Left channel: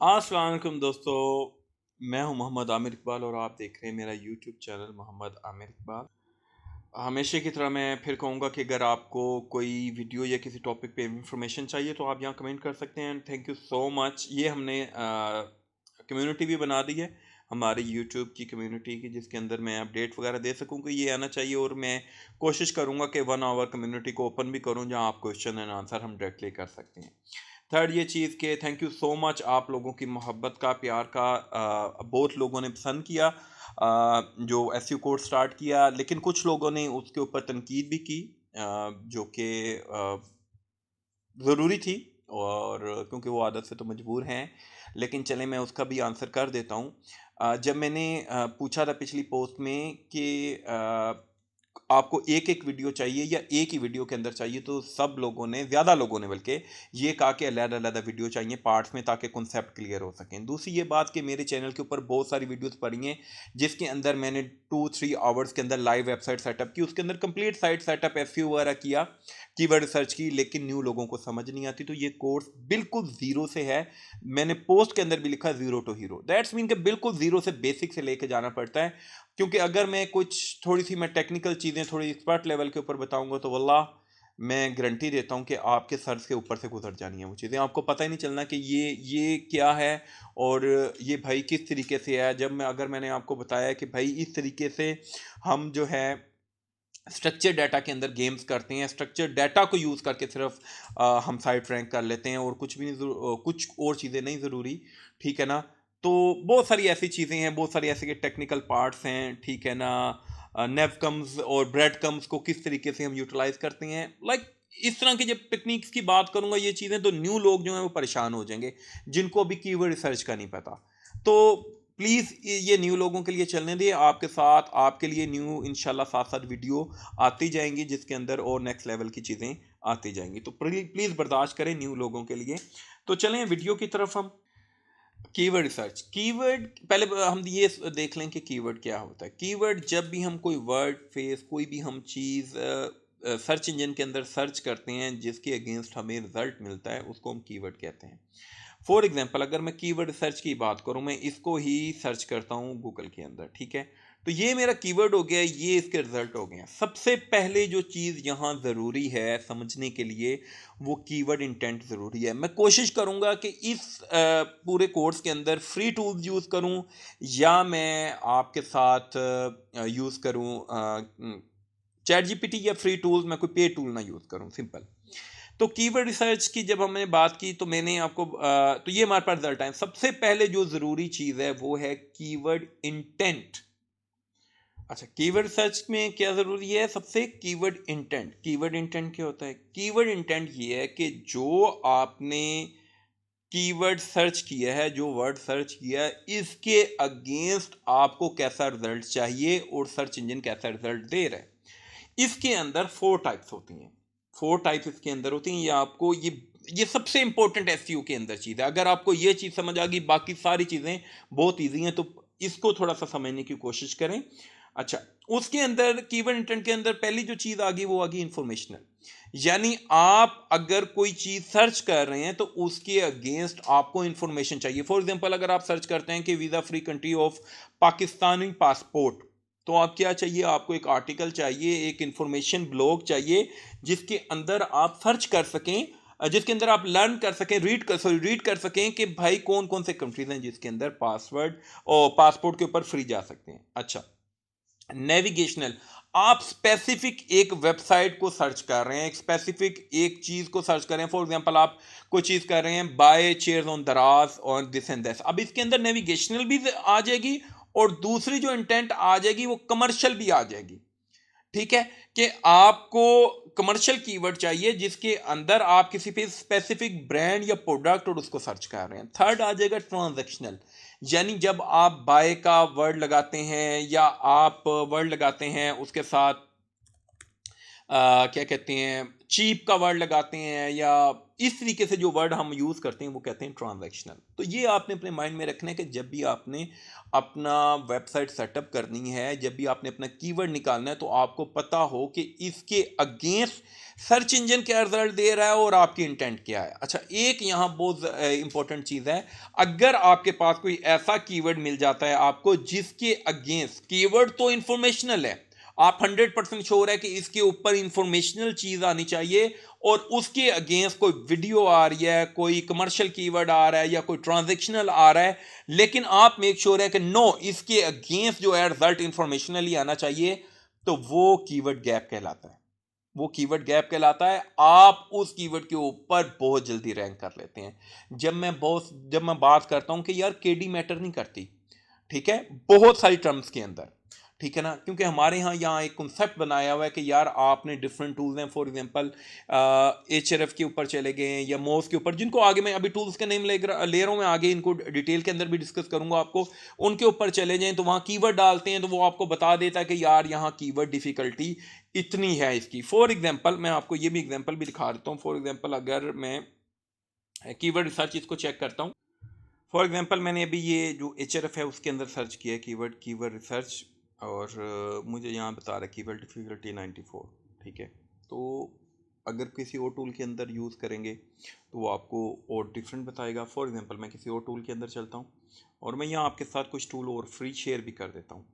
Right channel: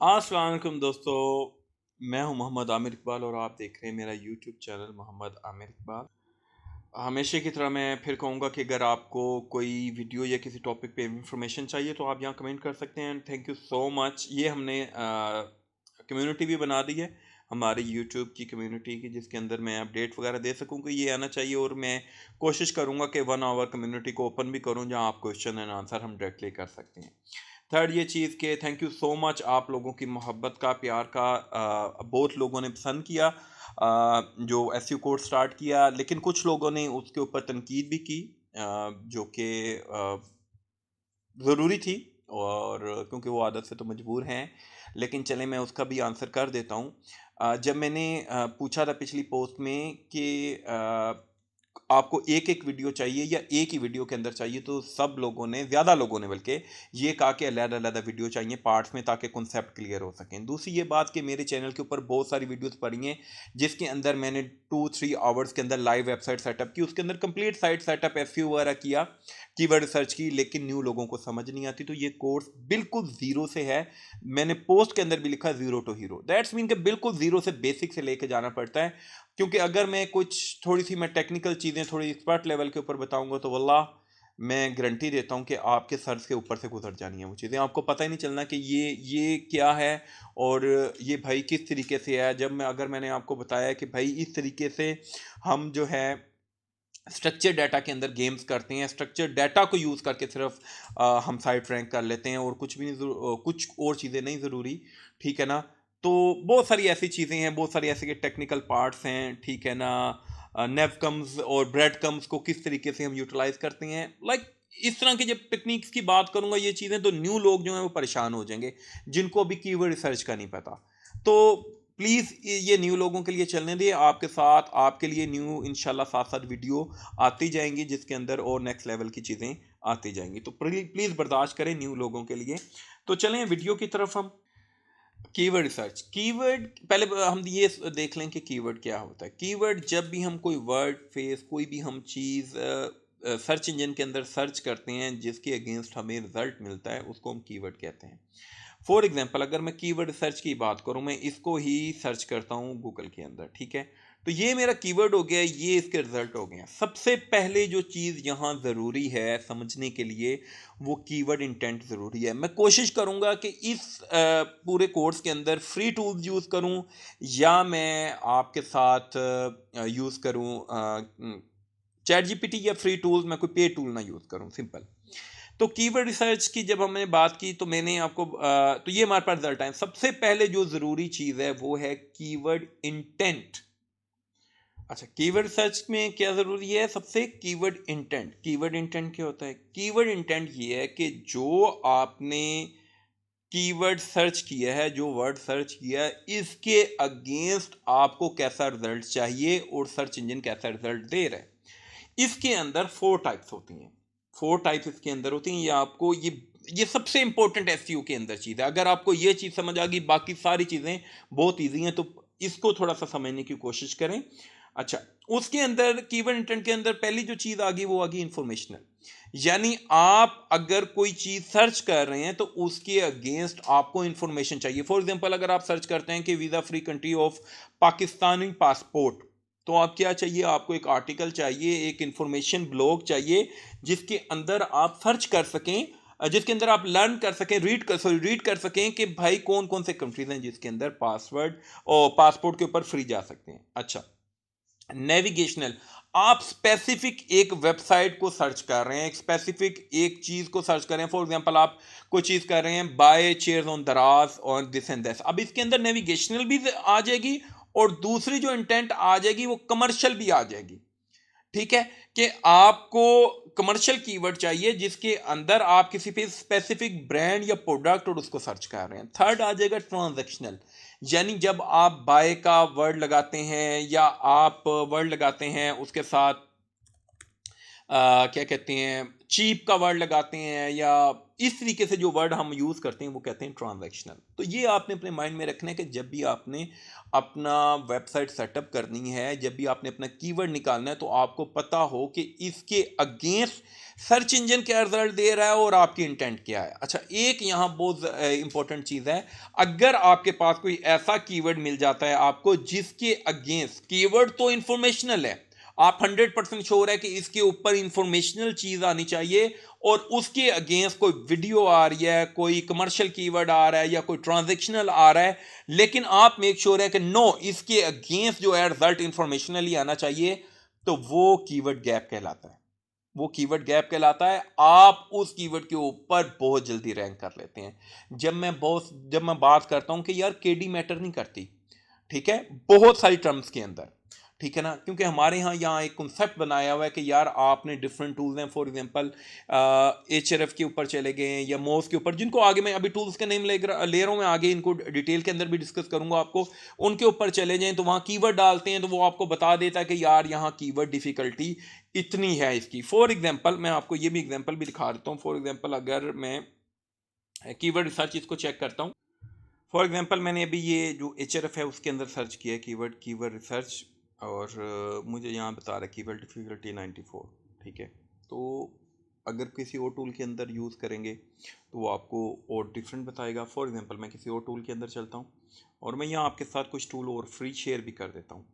अस्सलाम वालेकुम दोस्तों। मैं हूं मोहम्मद आमिर इकबाल और आप देख रहे हैं मेरा यूट्यूब चैनल मोहम्मद आमिर इकबाल। हमेशा की तरह मैं फिर कहूँगा कि अगर आपको कोई वीडियो या किसी टॉपिक पे इंफॉर्मेशन चाहिए तो आप यहाँ कमेंट कर सकते हैं। Thank you so much. ये हमने कम्युनिटी भी बना दी है हमारी यूट्यूब की कम्युनिटी की, जिसके अंदर मैं अपडेट वगैरह दे सकूँ कि ये आना चाहिए, और मैं कोशिश करूँगा कि 1 आवर कम्युनिटी को ओपन भी करूँ जहाँ आप क्वेश्चन एंड आंसर हम डायरेक्टली कर सकते हैं। थर्ड ये चीज़ के थैंक यू सो मच, आप लोगों की मोहब्बत का, प्यार का बहुत लोगों ने पसंद किया जो एसयू कोर्स स्टार्ट किया, लेकिन कुछ लोगों ने उसके ऊपर तनकीद भी की जो कि ज़रूरी थी, और क्योंकि वो आदत से तो मजबूर हैं। लेकिन चलें मैं उसका भी आंसर कर देता हूँ। जब मैंने पूछा था पिछली पोस्ट में कि आपको एक-एक वीडियो चाहिए या एक ही वीडियो के अंदर चाहिए, तो सब लोगों ने, ज़्यादा लोगों ने बल्कि, ये कहा कि अलग-अलग वीडियो चाहिए पार्ट्स में, ताकि कॉन्सेप्ट क्लियर हो सकें। दूसरी ये बात कि मेरे चैनल के ऊपर बहुत सारी वीडियोज़ पड़ी हैं जिसके अंदर मैंने 2-3 आवर्स के अंदर लाइव वेबसाइट सेटअप की, उसके अंदर कंप्लीट साइट सेटअप, एसईओ वगैरह किया, कीवर्ड रिसर्च की, लेकिन न्यू लोगों को समझ नहीं आती। तो ये कोर्स बिल्कुल ज़ीरो से है। मैंने पोस्ट के अंदर भी लिखा zero to hero, that's mean कि बिल्कुल ज़ीरो से, बेसिक से लेके जाना पड़ता है। क्योंकि अगर मैं कुछ थोड़ी सी मैं टेक्निकल चीज़ें थोड़ी एक्सपर्ट लेवल के ऊपर बताऊंगा तो वल्लाह मैं गारंटी देता हूं कि आपके सर के ऊपर से गुजर जानी है वो चीज़ें, आपको पता ही नहीं चलना कि ये क्या है और ये भाई किस तरीके से है। जब मैं अगर मैंने आपको बताया कि भाई इस तरीके से हम जो है स्ट्रक्चर डाटा के अंदर गेम्स करते हैं, स्ट्रक्चर डाटा को यूज़ करके सिर्फ हम साइट रैंक कर लेते हैं और कुछ भी नहीं कुछ और चीज़ें नहीं ज़रूरी, ठीक है ना। तो बहुत सारी ऐसी चीज़ें हैं, बहुत सारी ऐसे के टेक्निकल पार्ट्स हैं, ठीक है ना। नेवकम्स और ब्रेड कम्स को किस तरीके से हम यूटिलाइज करते हैं, लाइक इस तरह की जब टेक्निक्स की बात करूंगा ये चीज़ें, तो न्यू लोग जो हैं वो परेशान हो जाएंगे जिनको अभी कीवर्ड रिसर्च का नहीं पता। तो प्लीज़ ये न्यू लोगों के लिए चलने दिए, आपके साथ आपके लिए न्यू इंशाल्लाह साथ साथ वीडियो आती जाएंगी जिसके अंदर और नेक्स्ट लेवल की चीज़ें आती जाएंगी। तो प्लीज़ बर्दाश्त करें न्यू लोगों के लिए। तो चलें वीडियो की तरफ। हम कीवर्ड रिसर्च, कीवर्ड पहले हम ये देख लें कि कीवर्ड क्या होता है। कीवर्ड जब भी हम कोई वर्ड फेस, कोई भी हम चीज़ सर्च इंजन के अंदर सर्च करते हैं जिसके अगेंस्ट हमें रिजल्ट मिलता है, उसको हम कीवर्ड कहते हैं। फॉर एग्जाम्पल अगर मैं कीवर्ड सर्च की बात करूं, मैं इसको ही सर्च करता हूं गूगल के अंदर, ठीक है। तो ये मेरा कीवर्ड हो गया, ये इसके रिजल्ट हो गए हैं। सबसे पहले जो चीज़ यहाँ ज़रूरी है समझने के लिए, वो कीवर्ड इंटेंट ज़रूरी है। मैं कोशिश करूँगा कि इस पूरे कोर्स के अंदर फ्री टूल्स यूज़ करूँ या मैं आपके साथ यूज़ करूँ चैट जीपीटी, या फ्री टूल्स, मैं कोई पे टूल ना यूज़ करूँ, सिंपल। तो कीवर्ड रिसर्च की जब हमने बात की तो मैंने आपको तो ये हमारे पास रिजल्ट आए। सबसे पहले जो ज़रूरी चीज़ है वो है कीवर्ड इंटेंट। अच्छा, कीवर्ड सर्च में क्या ज़रूरी है? सबसे कीवर्ड इंटेंट। कीवर्ड इंटेंट क्या होता है? कीवर्ड इंटेंट ये है कि जो आपने कीवर्ड सर्च किया है, जो वर्ड सर्च किया है, इसके अगेंस्ट आपको कैसा रिजल्ट चाहिए और सर्च इंजन कैसा रिजल्ट दे रहा है। इसके अंदर 4 टाइप्स होती हैं। 4 टाइप्स इसके अंदर होती हैं। ये आपको ये सबसे इंपॉर्टेंट एसईओ के अंदर चीज़ है। अगर आपको ये चीज़ समझ आ गई, बाकी सारी चीज़ें बहुत ईजी हैं, तो इसको थोड़ा सा समझने की कोशिश करें। अच्छा, उसके अंदर कीवर्ड इंटेंट के अंदर पहली जो चीज़ आ गई वो आ गई इंफॉर्मेशनल। यानी आप अगर कोई चीज़ सर्च कर रहे हैं तो उसके अगेंस्ट आपको इंफॉर्मेशन चाहिए। फॉर एग्जांपल अगर आप सर्च करते हैं कि visa free country of Pakistani passport, तो आप क्या चाहिए? आपको एक आर्टिकल चाहिए, एक इंफॉर्मेशन ब्लॉग चाहिए जिसके अंदर आप सर्च कर सकें, जिसके अंदर आप लर्न कर सकें, रीड कर सकें कि भाई कौन कौन से कंट्रीज हैं जिसके अंदर पासवर्ड और पासपोर्ट के ऊपर फ्री जा सकते हैं। अच्छा, नेविगेशनल, आप स्पेसिफिक एक वेबसाइट को सर्च कर रहे हैं, एक स्पेसिफिक एक चीज को सर्च कर रहे हैं। फॉर एग्जांपल आप कोई चीज कर रहे हैं, बाय चेयर्स ऑन दराज और दिस एंड दैट। अब इसके अंदर नेविगेशनल भी आ जाएगी और दूसरी जो इंटेंट आ जाएगी वो कमर्शियल भी आ जाएगी, ठीक है। कि आपको कमर्शियल कीवर्ड चाहिए जिसके अंदर आप किसी भी स्पेसिफिक ब्रांड या प्रोडक्ट और उसको सर्च कर रहे हैं। थर्ड आ जाएगा ट्रांजैक्शनल, यानी जब आप बाय का वर्ड लगाते हैं या आप वर्ड लगाते हैं उसके साथ क्या कहते हैं, चीप का वर्ड लगाते हैं, या इस तरीके से जो वर्ड हम यूज़ करते हैं वो कहते हैं ट्रांजैक्शनल। तो ये आपने अपने माइंड में रखना है कि जब भी आपने अपना वेबसाइट सेटअप करनी है, जब भी आपने अपना कीवर्ड निकालना है, तो आपको पता हो कि इसके अगेंस्ट सर्च इंजन क्या रिजल्ट दे रहा है और आपकी इंटेंट क्या है। अच्छा, एक यहाँ बहुत इंपॉर्टेंट चीज़ है, अगर आपके पास कोई ऐसा कीवर्ड मिल जाता है आपको जिसके अगेंस्ट, कीवर्ड तो इंफॉर्मेशनल है, आप 100% श्योर है कि इसके ऊपर इंफॉर्मेशनल चीज़ आनी चाहिए, और उसके अगेंस्ट कोई वीडियो आ रही है, कोई कमर्शियल कीवर्ड आ रहा है या कोई ट्रांजेक्शनल आ रहा है, लेकिन आप मेक श्योर है कि नो, इसके अगेंस्ट जो है रिजल्ट इंफॉर्मेशनली आना चाहिए, तो वो कीवर्ड गैप कहलाता है। वो कीवर्ड गैप कहलाता है। आप उस कीवर्ड के ऊपर बहुत जल्दी रैंक कर लेते हैं। जब मैं बात करता हूं कि यार केडी मैटर नहीं करती, ठीक है, बहुत सारी टर्म्स के अंदर, ठीक है ना, क्योंकि हमारे यहाँ एक कॉन्सेप्ट बनाया हुआ है कि यार आपने डिफरेंट टूल्स हैं, फॉर एग्जांपल एचआरएफ के ऊपर चले गए हैं या मोव के ऊपर, जिनको आगे मैं अभी टूल्स के नेम ले रहा हूँ, मैं आगे इनको डिटेल के अंदर भी डिस्कस करूंगा आपको, उनके ऊपर चले जाएं तो वहाँ कीवर्ड डालते हैं तो वो आपको बता देता है कि यार यहाँ कीवर्ड डिफिकल्टी इतनी है इसकी। फॉर एग्जाम्पल मैं आपको ये भी एग्जाम्पल भी दिखा देता हूँ। फॉर एग्जाम्पल अगर मैं कीवर्ड रिसर्च इसको चेक करता हूँ, फॉर एग्जांपल मैंने अभी ये जो एचआरएफ है उसके अंदर सर्च किया है कीवर्ड रिसर्च, और मुझे यहाँ बता रहा है कीवर्ड डिफिकल्टी 94, ठीक है। तो अगर किसी और टूल के अंदर यूज़ करेंगे तो वो आपको और डिफरेंट बताएगा। फॉर एग्जांपल मैं किसी और टूल के अंदर चलता हूँ, और मैं यहाँ आपके साथ कुछ टूल और फ्री शेयर भी कर देता हूँ।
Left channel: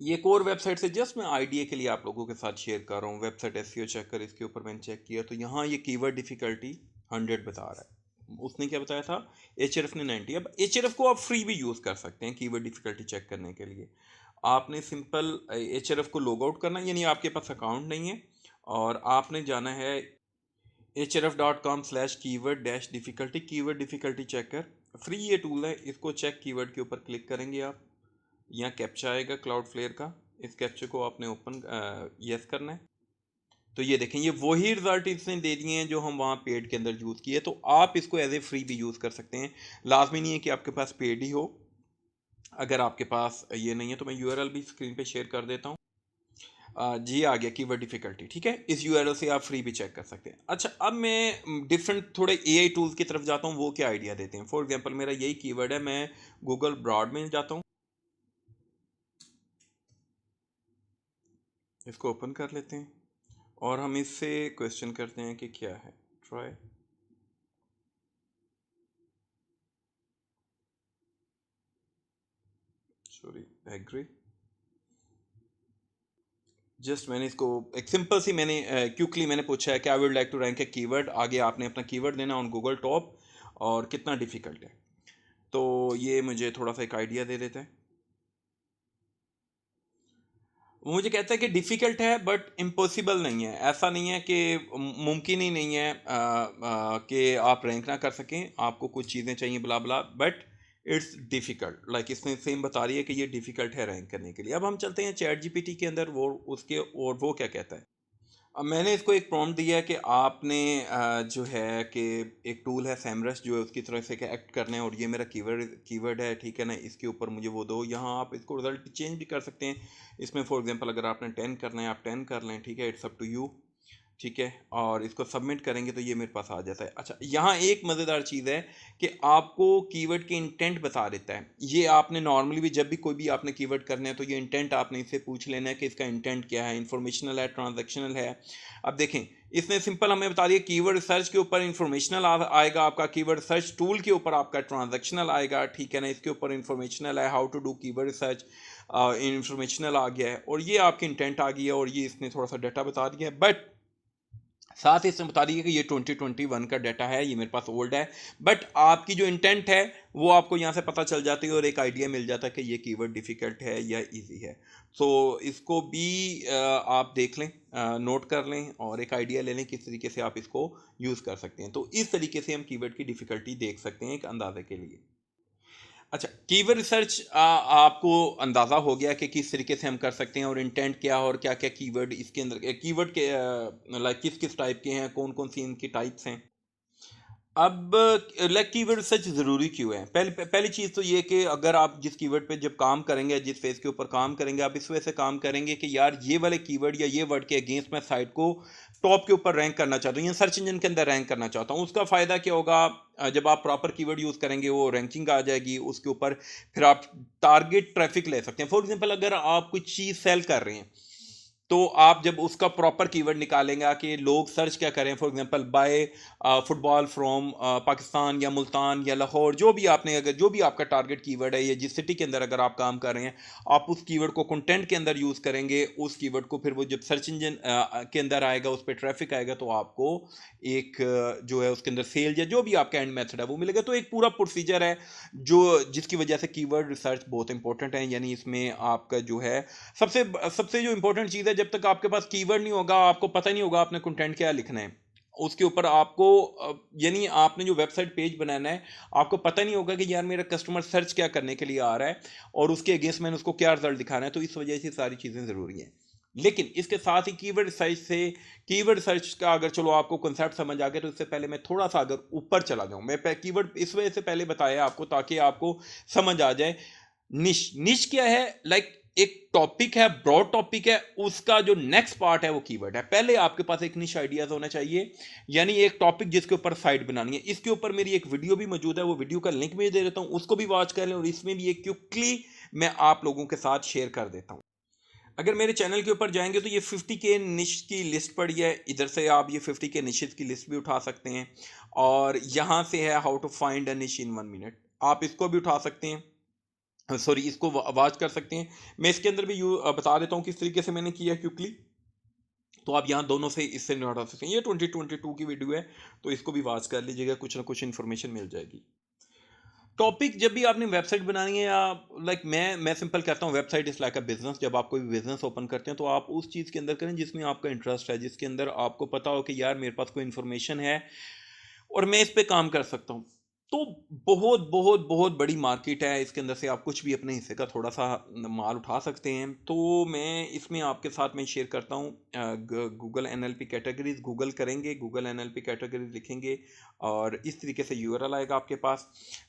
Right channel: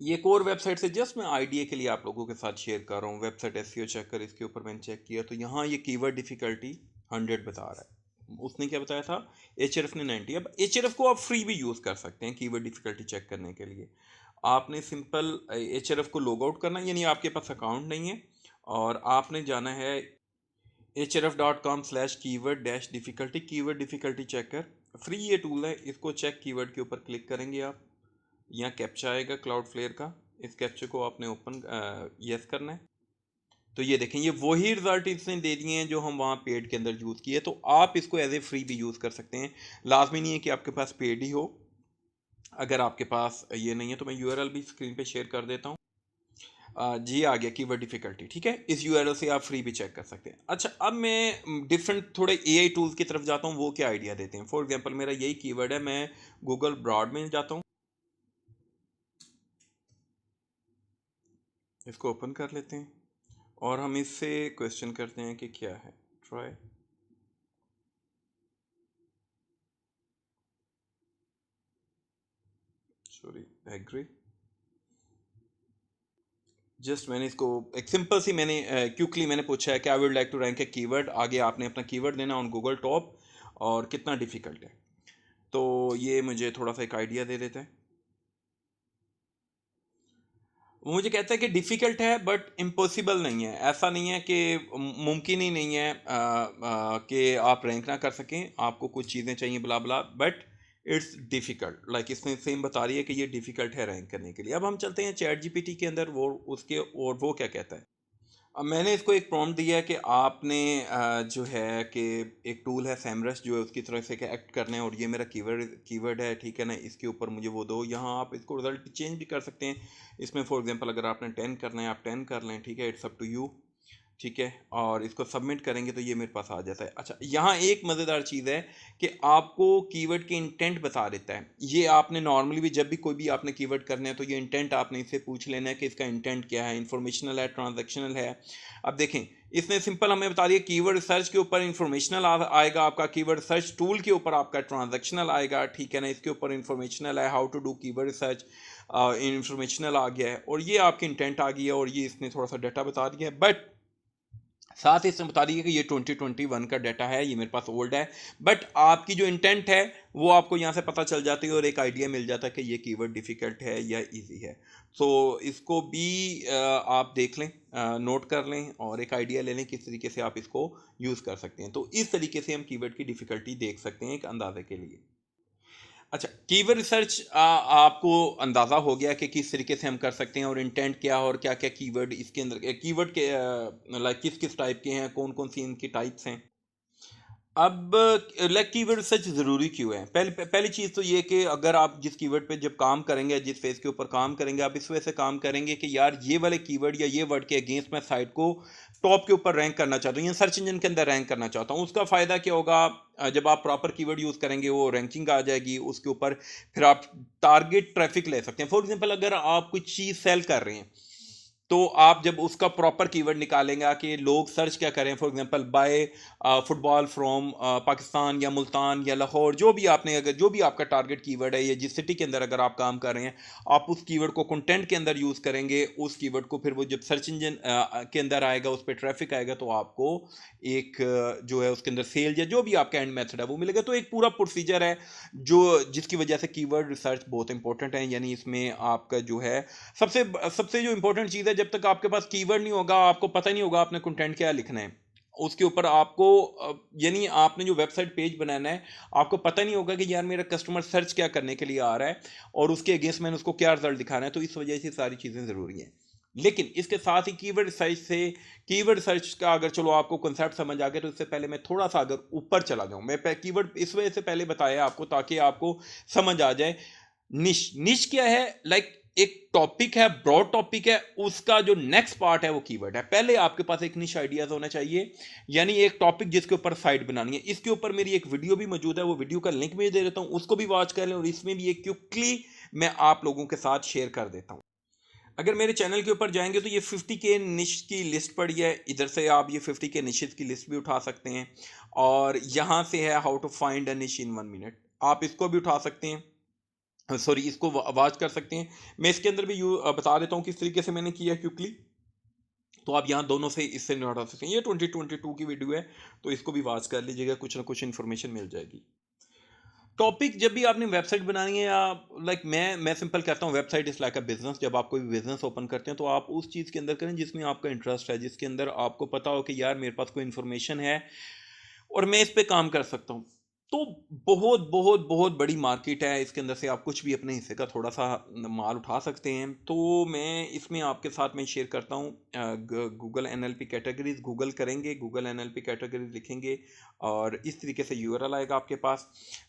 ये एक और वेबसाइट से जस्ट मैं आइडिया के लिए आप लोगों के साथ शेयर कर रहा हूँ, वेबसाइट एसईओ चेकर, इसके ऊपर मैंने चेक किया तो यहाँ ये कीवर्ड डिफिकल्टी 100 बता रहा है। उसने क्या बताया था, एचआरएफ ने 90। अब एचआरएफ को आप फ्री भी यूज़ कर सकते हैं कीवर्ड डिफिकल्टी चेक करने के लिए। आपने सिंपल एचआरएफ को लॉग आउट करना है, यानी आपके पास अकाउंट नहीं है, और आपने जाना है href.com/keyword-difficulty, keyword difficulty checker, free ये टूल है, इसको चेक कीवर्ड के ऊपर क्लिक करेंगे आप, यहाँ कैप्चा आएगा क्लाउड फ्लेयर का, इस कैप्चे को आपने ओपन यस करना है। तो ये देखें, ये वही रिजल्ट इसने दे दिए हैं जो हम वहाँ पेड के अंदर यूज़ किए, तो आप इसको एज ए फ्री भी यूज़ कर सकते हैं। लाजमी नहीं है कि आपके पास पेड ही हो, अगर आपके पास ये नहीं है तो मैं यूआरएल भी स्क्रीन पे शेयर कर देता हूँ। जी आ गया कीवर्ड डिफिकल्टी, ठीक है, इस यूआरएल से आप फ्री भी चेक कर सकते हैं। अच्छा, अब मैं डिफरेंट थोड़े एआई टूल्स की तरफ जाता हूँ, वो क्या आइडिया देते हैं। फॉर एग्जांपल मेरा यही कीवर्ड है, मैं गूगल ब्रॉड में जाता हूँ, इसको ओपन कर लेते हैं और हम इससे क्वेश्चन करते हैं कि क्या है, ट्राई, सॉरी, एग्री। जस्ट मैंने इसको एक सिंपल सी मैंने क्विकली मैंने पूछा है कि I would like to rank a keyword, आगे आपने अपना कीवर्ड देना ऑन गूगल टॉप, और कितना डिफिकल्ट है, तो ये मुझे थोड़ा सा एक आइडिया दे देता है। वो मुझे कहता है कि डिफ़िकल्ट है बट इम्पॉसिबल नहीं है, ऐसा नहीं है कि मुमकिन ही नहीं है कि आप रैंक ना कर सकें, आपको कुछ चीज़ें चाहिए बला बला, बट इट्स डिफ़िकल्ट, लाइक इसमें सेम बता रही है कि ये डिफ़िकल्ट है रैंक करने के लिए। अब हम चलते हैं चैट जीपीटी के अंदर, वो उसके और वो क्या कहता है। अब मैंने इसको एक प्रॉम्प्ट दिया है कि आपने जो है कि एक टूल है सैमरस, जो है उसकी तरह से एक्ट करना है, और ये मेरा कीवर्ड कीवर्ड है, ठीक है ना, इसके ऊपर मुझे वो दो। यहाँ आप इसको रिजल्ट चेंज भी कर सकते हैं, इसमें फॉर एग्जांपल अगर आपने 10 करना है आप 10 कर लें, ठीक है, इट्स अप टू यू, ठीक है, और इसको सबमिट करेंगे तो ये मेरे पास आ जाता है। अच्छा, यहाँ एक मज़ेदार चीज़ है कि आपको कीवर्ड के इंटेंट बता देता है। ये आपने नॉर्मली भी जब भी कोई भी आपने कीवर्ड करना है तो ये इंटेंट आपने इससे पूछ लेना है कि इसका इंटेंट क्या है, इंफॉर्मेशनल है, ट्रांजैक्शनल है। अब देखें, इसने सिंपल हमें बता दिया कीवर्ड रिसर्च के ऊपर इंफॉर्मेशनल आएगा आपका, कीवर्ड रिसर्च टूल के ऊपर आपका ट्रांजैक्शनल आएगा, ठीक है ना, इसके ऊपर इंफॉर्मेशनल है, how to do keyword research, informational आ गया है, और ये आपकी इंटेंट आ गई है, और ये इसने थोड़ा सा डाटा बता दिया है, बट साथ ही इसमें बता रही है कि ये 2021 का डाटा है, ये मेरे पास ओल्ड है, बट आपकी जो इंटेंट है वो आपको यहाँ से पता चल जाती है, और एक आइडिया मिल जाता है कि ये कीवर्ड डिफ़िकल्ट है या इजी है। तो इसको भी आप देख लें, नोट कर लें, और एक आइडिया ले लें किस तरीके से आप इसको यूज़ कर सकते हैं। तो इस तरीके से हम कीवर्ड की डिफ़िकल्टी देख सकते हैं एक अंदाजे के लिए। अच्छा, कीवर्ड रिसर्च आपको अंदाज़ा हो गया कि किस तरीके से हम कर सकते हैं, और इंटेंट क्या, और क्या क्या कीवर्ड इसके अंदर, कीवर्ड के लाइक किस किस टाइप के हैं, कौन कौन सी इनकी टाइप्स हैं। अब लाइक कीवर्ड रिसर्च ज़रूरी क्यों है, पहली चीज़ तो ये कि अगर आप जिस कीवर्ड पे जब काम करेंगे, जिस फेज़ के ऊपर काम करेंगे, आप इस वजह से काम करेंगे कि यार ये वाले कीवर्ड या ये वर्ड के अगेंस्ट मैं साइट को टॉप के ऊपर रैंक करना चाहता हूँ, या सर्च इंजन के अंदर रैंक करना चाहता हूँ। उसका फ़ायदा क्या होगा, जब आप प्रॉपर कीवर्ड यूज़ करेंगे वो रैंकिंग आ जाएगी उसके ऊपर, फिर आप टारगेट ट्रैफिक ले सकते हैं। फॉर एग्जांपल अगर आप कोई चीज़ सेल कर रहे हैं, तो आप जब उसका प्रॉपर कीवर्ड निकालेंगे कि लोग सर्च क्या करें, for example by football from Pakistan या मुल्तान या लाहौर, जो भी आपने, अगर जो भी आपका टारगेट कीवर्ड है या जिस सिटी के अंदर अगर आप काम कर रहे हैं, आप उस कीवर्ड को कंटेंट के अंदर यूज़ करेंगे। उस कीवर्ड को फिर वो जब सर्च इंजन के अंदर आएगा, उस पर ट्रैफिक आएगा, तो आपको एक जो है उसके अंदर सेल या जो भी आपका एंड मेथड है वो मिलेगा। तो एक पूरा प्रोसीजर है जो, जिसकी वजह से कीवर्ड रिसर्च बहुत इंपॉर्टेंट है। यानी इसमें आपका जो है सबसे सबसे जो इंपॉर्टेंट चीज़ है, जब तक आपके पास कीवर्ड नहीं होगा, आपको पता नहीं होगा आपने कंटेंट क्या लिखना है उसके ऊपर। आपको यानी आपने जो वेबसाइट पेज बनाना है, आपको पता नहीं होगा कि यार मेरा कस्टमर सर्च क्या करने के लिए आ रहा है और उसके अगेंस्ट मैंने उसको क्या रिजल्ट दिखाना है। तो इस वजह से सारी चीज़ें ज़रूरी हैं। लेकिन इसके साथ ही कीवर्ड रिसर्च से, कीवर्ड रिसर्च का अगर चलो आपको कंसेप्ट समझ आ गया, तो इससे पहले मैं थोड़ा सा अगर ऊपर चला जाऊं, मैं कीवर्ड इस वजह से पहले बताया आपको ताकि आपको समझ आ जाए। निश निश क्या है? लाइक एक टॉपिक है, ब्रॉड टॉपिक है, उसका जो नेक्स्ट पार्ट है वो कीवर्ड है। पहले आपके पास एक निश आइडियाज होना चाहिए, यानी एक टॉपिक जिसके ऊपर साइट बनानी है। इसके ऊपर मेरी एक वीडियो भी मौजूद है, वो वीडियो का लिंक भी दे देता हूं, उसको भी वॉच कर लें। और इसमें भी एक क्विकली मैं आप लोगों के साथ शेयर कर देता हूं। अगर मेरे चैनल के ऊपर जाएंगे तो ये 50 के निश की लिस्ट पड़ी है, इधर से आप ये 50 के निशेस की लिस्ट भी उठा सकते हैं। और यहाँ से है हाउ टू फाइंड अ निश इन 1 मिनट, आप इसको भी उठा सकते हैं, सॉरी इसको आवाज कर सकते हैं। मैं इसके अंदर भी बता देता हूँ किस तरीके से मैंने किया क्विकली। तो आप यहाँ दोनों से इससे नहीं उठा सकते हैं। ये 2022 की वीडियो है, तो इसको भी वॉच कर लीजिएगा, कुछ ना कुछ इन्फॉर्मेशन मिल जाएगी। टॉपिक जब भी आपने वेबसाइट बनानी है, या लाइक मैं सिंपल कहता हूँ, website is like a business. जब आप कोई बिजनेस ओपन करते हैं तो आप उस चीज़ के अंदर करें जिसमें आपका इंटरेस्ट है, जिसके अंदर आपको पता हो कि यार मेरे पास कोई इन्फॉर्मेशन है और मैं इस पे काम कर सकता हूँ। तो बहुत बहुत बहुत बड़ी मार्केट है, इसके अंदर से आप कुछ भी अपने हिस्से का थोड़ा सा माल उठा सकते हैं। तो मैं इसमें आपके साथ में शेयर करता हूँ गूगल एनएलपी कैटेगरीज। गूगल करेंगे, गूगल एनएलपी कैटेगरीज लिखेंगे और इस तरीके से यूआरएल आएगा आपके पास,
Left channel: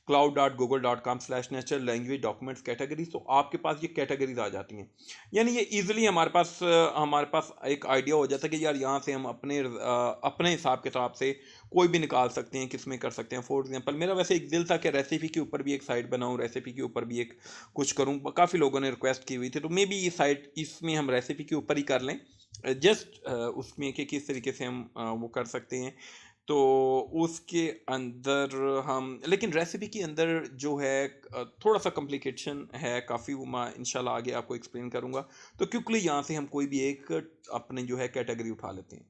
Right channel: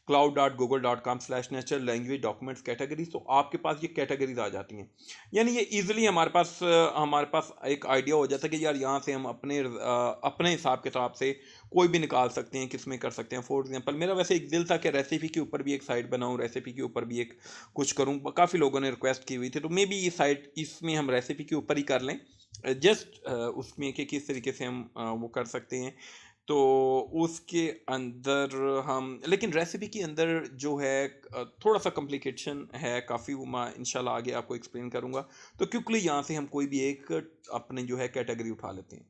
cloud.google.com/natural language documents categories। तो आपके पास ये कैटेगरीज आ जाती हैं। यानी ये इजीली हमारे पास एक आइडिया हो जाता है कि यार यहाँ से हम अपने हिसाब किताब से कोई भी निकाल सकते हैं, किस में कर सकते हैं। फॉर एग्जांपल मेरा वैसे एक दिल था कि रेसिपी के ऊपर भी एक साइट बनाऊं, रेसिपी के ऊपर भी एक कुछ करूं। काफ़ी लोगों ने रिक्वेस्ट की हुई थी, तो मे बी ये साइट, इसमें हम रेसिपी के ऊपर ही कर लें, जस्ट उसमें कि किस तरीके से हम वो कर सकते हैं। तो उसके अंदर हम, लेकिन रेसिपी के अंदर जो है थोड़ा सा कॉम्प्लिकेशन है काफ़ी, वो मैं इंशाल्लाह आगे आपको एक्सप्लेन करूंगा। तो क्विकली यहाँ से हम कोई भी एक अपने जो है कैटेगरी उठा लेते हैं।